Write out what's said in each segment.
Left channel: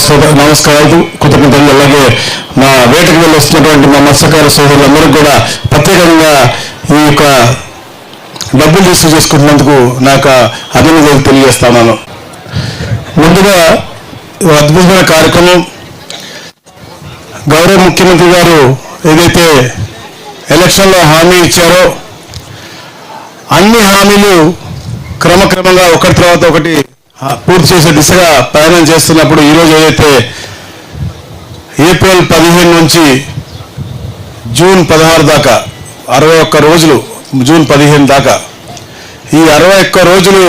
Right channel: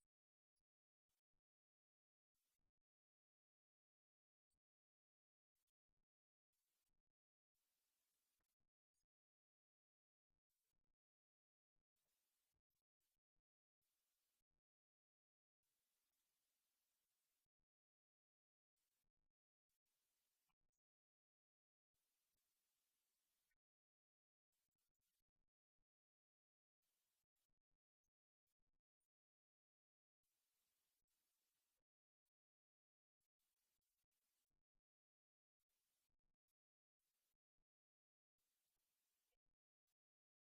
నమస్కారం నమస్కారాలు. కృతజ్ఞతలు. అలాగే మా వేటకు వెళ్ళి వస్తున్నటువంటి మా మత్స్యకార సోదరులందరికీ కూడా ప్రత్యేకంగా ఈ యొక్క డబ్బులు రిసీవ్ చేసుకుంటున్నందుకు నాకు అభినందనలు తెలియజేస్తున్నాను. ముందుగా అద్భుతమైన కార్యక్రమం. గౌరవ ముఖ్యమంత్రి గారు ఏదైతే ఎలక్షన్లో హామీ ఇచ్చారో అన్ని హామీలు క్రమక్రమంగా ఒకటి తర్వాత ఒకటి పూర్తి చేసే దిశగా ప్రయాణం చేస్తున్నప్పుడు ఈరోజు ఏదైతే ఏప్రిల్ పదిహేను నుంచి జూన్ పదహారు దాకా అరవై ఒక్క రోజులు జూన్ పదిహేను దాకా ఈ అరవై ఒక్క రోజులు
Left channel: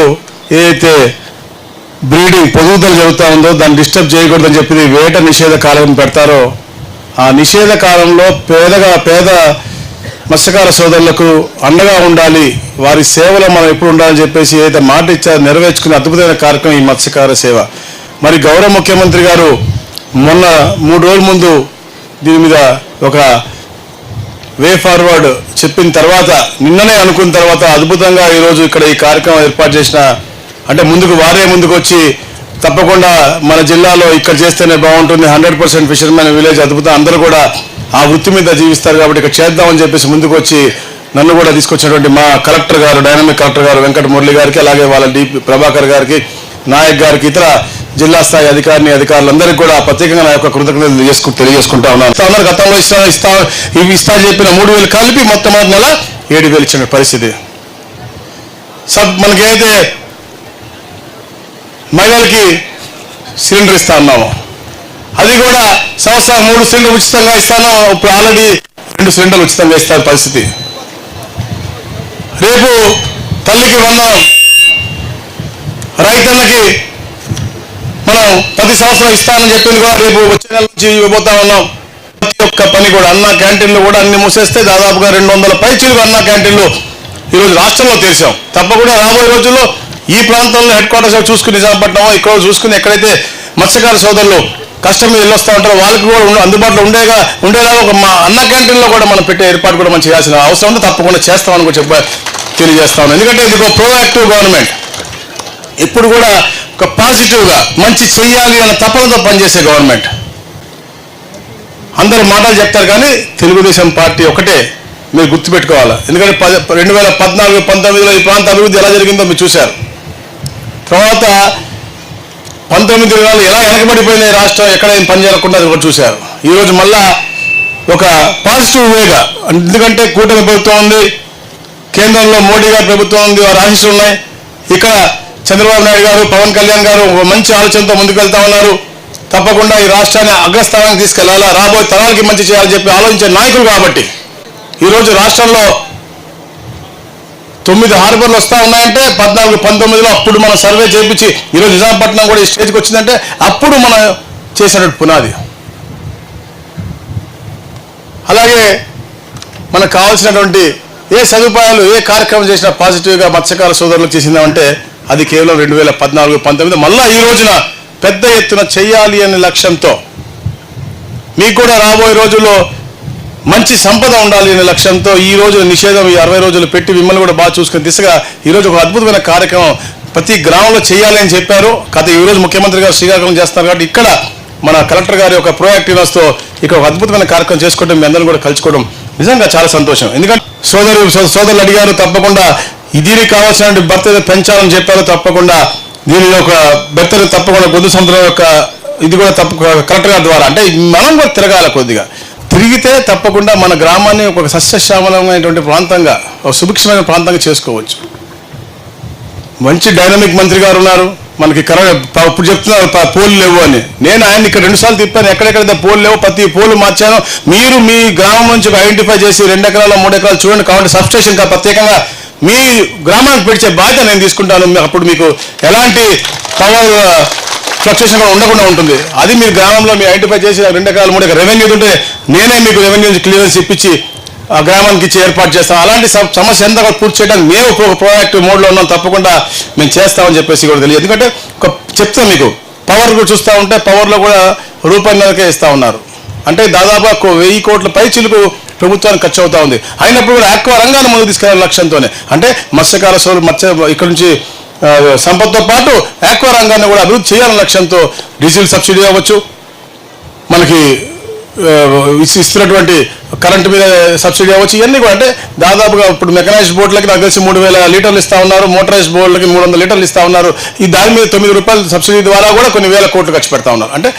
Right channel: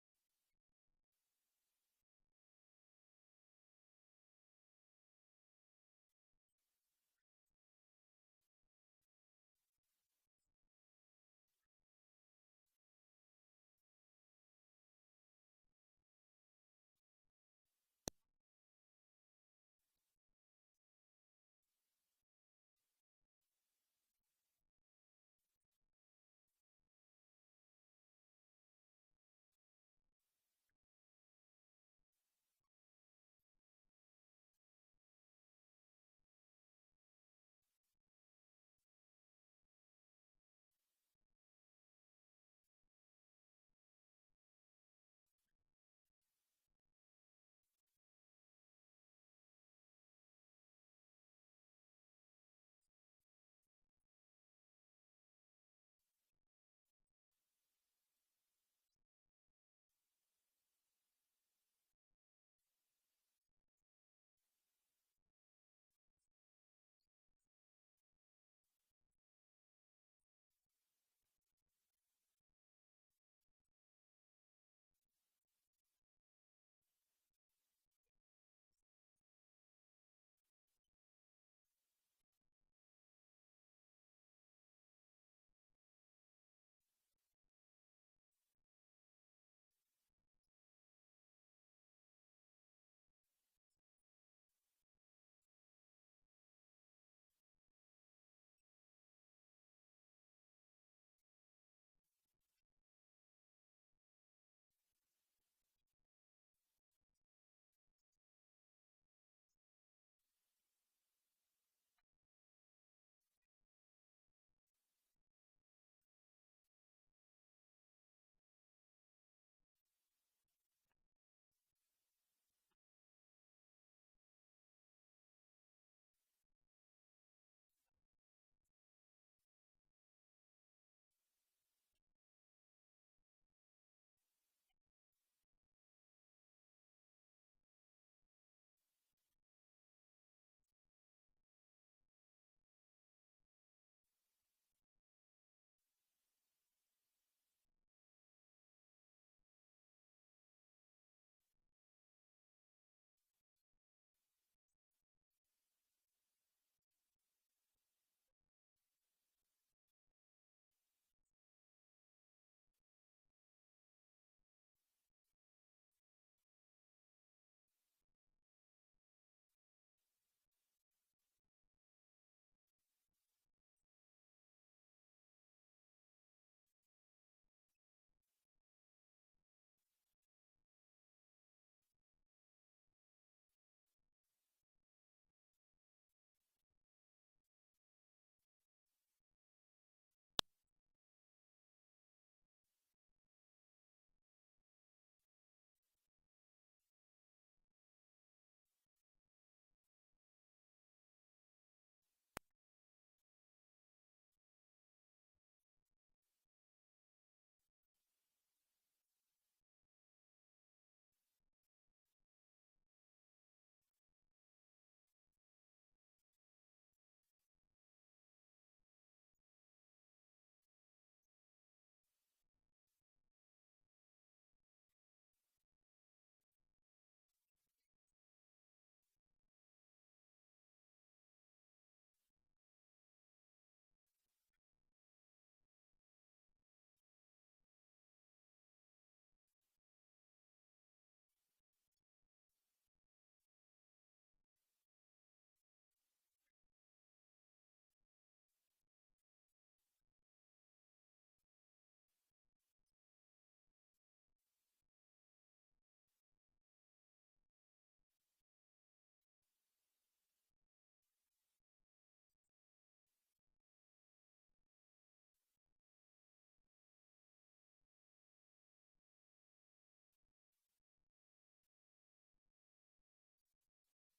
ఏదైతే బ్రీడింగ్ పొదుగుదల జరుగుతూ ఉందో దాన్ని డిస్టర్బ్ చేయకూడదని చెప్పి వేట నిషేధ కాలం పెడతారో ఆ నిషేధ కాలంలో పేదగా పేద మత్స్యకార సోదరులకు అండగా ఉండాలి. వారి సేవలో మనం ఎప్పుడు ఉండాలని చెప్పేసి ఏదైతే మాట ఇచ్చారో నెరవేర్చుకునే అద్భుతమైన కార్యక్రమం ఈ మత్స్యకార సేవ. మరి గౌరవ ముఖ్యమంత్రి గారు మొన్న మూడు రోజుల ముందు దీని మీద ఒక వే ఫార్వర్డ్ చెప్పిన తర్వాత నిన్ననే అనుకున్న తర్వాత అద్భుతంగా ఈరోజు ఇక్కడ ఈ కార్యక్రమం ఏర్పాటు చేసిన అంటే ముందుకు వారే ముందుకు వచ్చి తప్పకుండా మన జిల్లాలో ఇక్కడ చేస్తేనే బాగుంటుంది. హండ్రెడ్ పర్సెంట్ ఫిషర్మెన్ విలేజ్ అద్భుతం. అందరూ కూడా ఆ వృత్తి మీద జీవిస్తారు కాబట్టి ఇక్కడ చేద్దామని చెప్పేసి ముందుకు వచ్చి నన్ను కూడా తీసుకొచ్చినటువంటి మా కలెక్టర్ గారు డైనమిక్ కలెక్టర్ గారు వెంకట మురళి గారికి అలాగే వాళ్ళ డి ప్రభాకర్ గారికి నాయక్ గారికి ఇతర జిల్లా స్థాయి అధికారిని అధికారులందరికీ కూడా ప్రత్యేకంగా నా యొక్క కృతజ్ఞతలు తెలియజేసుకు తెలియజేసుకుంటా ఉన్నాను. ఉన్నారు గతంలో ఇస్తా ఇస్తా ఇవి ఇస్తా చెప్పిన మూడు వేలు కలిపి మొత్తం నెల ఏడు వేలు ఇచ్చిన పరిస్థితి. సబ్ మనకేదైతే మహిళలకి సిలిండర్ ఇస్తా ఉన్నాము అది కూడా సంవత్సరం మూడు సిలిండర్ ఉచితంగా ఇస్తాను. ఇప్పుడు ఆల్రెడీ రెండు సిలిండర్లు ఉచితంగా ఇస్తారు పరిస్థితి. రేపు తల్లికి వందనం. రైతన్నకి మనం ప్రతి సంవత్సరం ఇస్తానని చెప్పింది కూడా రేపు వచ్చే నెల నుంచి ఇవ్వబోతా ఉన్నాం. ప్రతి ఒక్క పని కూడా అన్న క్యాంటీన్లు కూడా అన్ని మూసేస్తే దాదాపుగా రెండు వందల పైచీలు అన్న క్యాంటీన్లు ఈరోజు రాష్ట్రంలో తెరిచాం. తప్పకుండా రాబోయే రోజుల్లో ఈ ప్రాంతంలో హెడ్ క్వార్టర్స్ చూసుకుని నిజాంపట్నం ఇక్కడ చూసుకుని ఎక్కడైతే మత్స్యకార సోదరులు కష్టం మీద వస్తూ ఉంటారు. వాళ్ళకి కూడా అందుబాటులో ఉండేగా ఉండేలాగా ఒక మా అన్న క్యాంటీన్లో కూడా మనం పెట్టే ఏర్పాటు కూడా మనం చేయాల్సిన అవసరం ఉంది. తప్పకుండా చేస్తామని కూడా చెప్ప తెలియజేస్తాను ఎందుకంటే ఇది ఒక ప్రోయాక్టివ్ గవర్నమెంట్ ఇప్పుడు కూడా ఒక పాజిటివ్గా మంచి చెయ్యాలి అనే తపనతో పనిచేసే గవర్నమెంట్ అందరూ మాటలు చెప్తారు కానీ తెలుగుదేశం పార్టీ ఒకటే. మీరు గుర్తుపెట్టుకోవాలి? ఎందుకంటే పద రెండు వేల పద్నాలుగు పంతొమ్మిదిలో ఈ ప్రాంత అభివృద్ధి ఎలా జరిగిందో మీరు చూశారు. తర్వాత పంతొమ్మిది వేలు ఎలా వెనకబడిపోయినాయి రాష్ట్రం ఎక్కడ ఏం పని చేయకుండా అది కూడా చూశారు. ఈరోజు మళ్ళా ఒక పాజిటివ్ వేగా ఎందుకంటే కూటమి ప్రభుత్వం ఉంది కేంద్రంలో మోడీ గారి ప్రభుత్వం ఉంది వారి ఆశీస్సులు ఉన్నాయి. ఇక్కడ చంద్రబాబు నాయుడు గారు పవన్ కళ్యాణ్ గారు ఒక మంచి ఆలోచనతో ముందుకెళ్తా ఉన్నారు. తప్పకుండా ఈ రాష్ట్రాన్ని అగ్రస్థానానికి తీసుకెళ్ళాలా రాబోయే తరాలకి మంచి చేయాలని చెప్పి ఆలోచించే నాయకులు కాబట్టి. ఈరోజు రాష్ట్రంలో తొమ్మిది హార్బర్లు వస్తూ ఉన్నాయంటే పద్నాలుగు పంతొమ్మిదిలో అప్పుడు మనం సర్వే చేయించి ఈరోజు నిజాంపట్నం కూడా ఈ స్టేజ్కి వచ్చిందంటే అప్పుడు మనం చేసినట్టు పునాది. అలాగే మనకు కావాల్సినటువంటి ఏ సదుపాయాలు ఏ కార్యక్రమం చేసినా పాజిటివ్గా మత్స్యకార సోదరులకు చేసిందామంటే అది కేవలం రెండు వేల పద్నాలుగు పంతొమ్మిది. మళ్ళా ఈ రోజున పెద్ద ఎత్తున చెయ్యాలి అనే లక్ష్యంతో మీకు కూడా రాబోయే రోజుల్లో మంచి సంపద ఉండాలి అనే లక్ష్యంతో ఈ రోజు నిషేధం ఈ అరవై రోజులు పెట్టి మిమ్మల్ని కూడా బాగా చూసుకుని దిశగా ఈరోజు ఒక అద్భుతమైన కార్యక్రమం ప్రతి గ్రామంలో చేయాలి అని చెప్పారు. గత ఈ రోజు ముఖ్యమంత్రి గారు శ్రీకాకుళం చేస్తారు కాబట్టి ఇక్కడ మన కలెక్టర్ గారి యొక్క ప్రోయాక్టివ్నెస్తో ఇక్కడ ఒక అద్భుతమైన కార్యక్రమం చేసుకోవడం మీ అందరం కూడా కలుసుకోవడం నిజంగా చాలా సంతోషం. ఎందుకంటే సోదరు సో- సోదరులు అడిగారు తప్పకుండా దీనికి కావాల్సిన భర్త పెంచాలని చెప్పారు తప్పకుండా. దీని యొక్క భర్తను తప్పకుండా గొంతు సముద్రం యొక్క ఇది కూడా తప్ప కలెక్టర్ గారి ద్వారా. అంటే మనం కూడా తిరగాల కొద్దిగా. తిరిగితే తప్పకుండా మన గ్రామాన్ని ఒక సస్యశ్యామలమైనటువంటి ప్రాంతంగా ఒక సుభిక్షమైన ప్రాంతంగా చేసుకోవచ్చు. మంచి డైనమిక్ మంత్రి గారు ఉన్నారు. మనకి కరోనా ఇప్పుడు చెప్తున్నారు పోలు లేవు అని. నేను ఆయన ఇక్కడ రెండుసార్లు తిప్పాను. ఎక్కడెక్కడైతే పోలు లేవు ప్రతి పోలు మార్చాను. మీరు మీ గ్రామం నుంచి ఐడెంటిఫై చేసి రెండు ఎకరాల మూడు ఎకరాలు చూడండి. కాబట్టి సబ్స్టేషన్ కా ప్రత్యేకంగా మీ గ్రామానికి పెడిచే బాధ్యత నేను తీసుకుంటాను. అప్పుడు మీకు ఎలాంటి పవర్ ఫ్లక్చుయేషన్ కూడా ఉండకుండా ఉంటుంది. అది మీరు గ్రామంలో మీ ఐడెంటిఫై చేసి రెండు ఎకరాలు మూడు ఎకరాలు రెవెన్యూ ఉంటే నేనే మీకు రెవెన్యూ క్లియరెన్స్ ఇప్పించి ఆ గ్రామానికి ఇచ్చి ఏర్పాటు చేస్తాం అలాంటి సమస్య ఎంత కూడా పూర్తి చేయడానికి మేము ఒక ప్రోయాక్టివ్ మోడ్లో ఉన్నాం. తప్పకుండా మేము చేస్తామని చెప్పేసి కూడా తెలియదు. ఎందుకంటే ఒక చెప్తాం మీకు పవర్ కూడా చూస్తూ ఉంటే పవర్లో కూడా రూపాయలకే ఇస్తా ఉన్నారు. అంటే దాదాపు వెయ్యి కోట్ల పై చిలుకు ప్రభుత్వానికి ఖర్చు అవుతా ఉంది. అయినప్పుడు కూడా ఆక్వా రంగాన్ని ముందుకు తీసుకెళ్ళే లక్ష్యంతోనే. అంటే మత్స్యకార సోలు మత్స్య ఇక్కడ నుంచి సంపదతో పాటు ఆక్వా రంగాన్ని కూడా అభివృద్ధి చేయాలనే లక్ష్యంతో డీజిల్ సబ్సిడీ అవ్వచ్చు. మనకి ఇస్తున్నటువంటి కరెంటు మీద సబ్సిడీ అవ్వచ్చు. ఇవన్నీ కూడా అంటే దాదాపుగా ఇప్పుడు మెకనైజ్డ్ బోట్లకి నాకు తెలిసి మూడు వేల లీటర్లు ఇస్తా ఉన్నారు. మోటరైజ్డ్ బోట్లకి మూడు వందల లీటర్లు ఇస్తా ఉన్నారు. ఈ దాని మీద తొమ్మిది రూపాయల సబ్సిడీ ద్వారా కూడా కొన్ని వేల కోట్లు ఖర్చు పెడతా ఉన్నారు. అంటే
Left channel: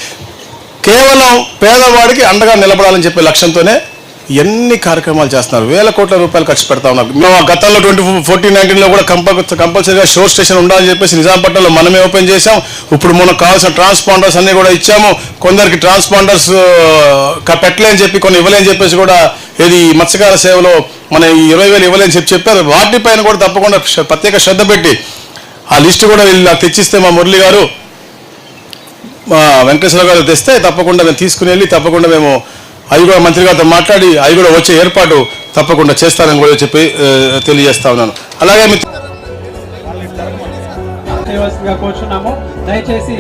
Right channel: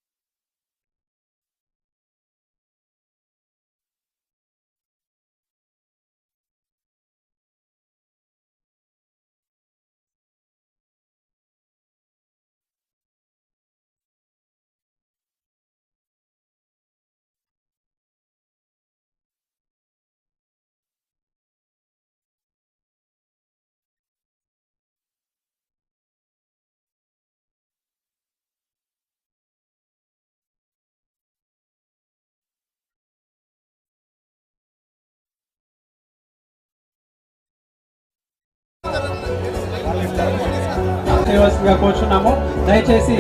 కేవలం పేదవాడికి అండగా నిలబడాలని చెప్పే లక్ష్యంతోనే ఎన్ని కార్యక్రమాలు చేస్తున్నారు? వేల కోట్ల రూపాయలు ఖర్చు పెడతా ఉన్నారు. మేము ఆ గతంలో ట్వంటీ ఫోర్టీన్ నైన్టీన్లో కూడా కంపల్ కంపల్సరీగా షోర్ స్టేషన్ ఉండాలని చెప్పేసి నిజాంపట్నంలో మనమే ఓపెన్ చేశాం. ఇప్పుడు మనకు కావాల్సిన ట్రాన్స్పాండర్స్ అన్ని కూడా ఇచ్చాము. కొందరికి ట్రాన్స్పాండర్స్ పెట్టలేని చెప్పి కొన్ని ఇవ్వలేని చెప్పేసి కూడా ఇది మత్స్యకార సేవలో మన ఈ ఇరవై వేలు ఇవ్వలేని చెప్పి చెప్పారు. వాటిపైన కూడా తప్పకుండా ప్రత్యేక శ్రద్ధ పెట్టి ఆ లిస్టు కూడా వీళ్ళు నాకు తెచ్చిస్తే మా మురళి గారు మా వెంకటేశ్వర గారు తెస్తే తప్పకుండా మేము తీసుకుని వెళ్ళి తప్పకుండా మేము అవి కూడా మంత్రి గారితో మాట్లాడి అవి కూడా వచ్చే ఏర్పాటు తప్పకుండా చేస్తానని కూడా చెప్పి తెలియజేస్తా ఉన్నాను. అలాగే మిత్ర చేయవలసిందిగా కోరుచున్నాము. దయచేసి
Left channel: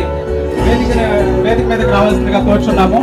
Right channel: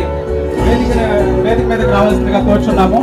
వేదిక వేదిక మీదకి రావాల్సిందిగా కోరుచున్నాము.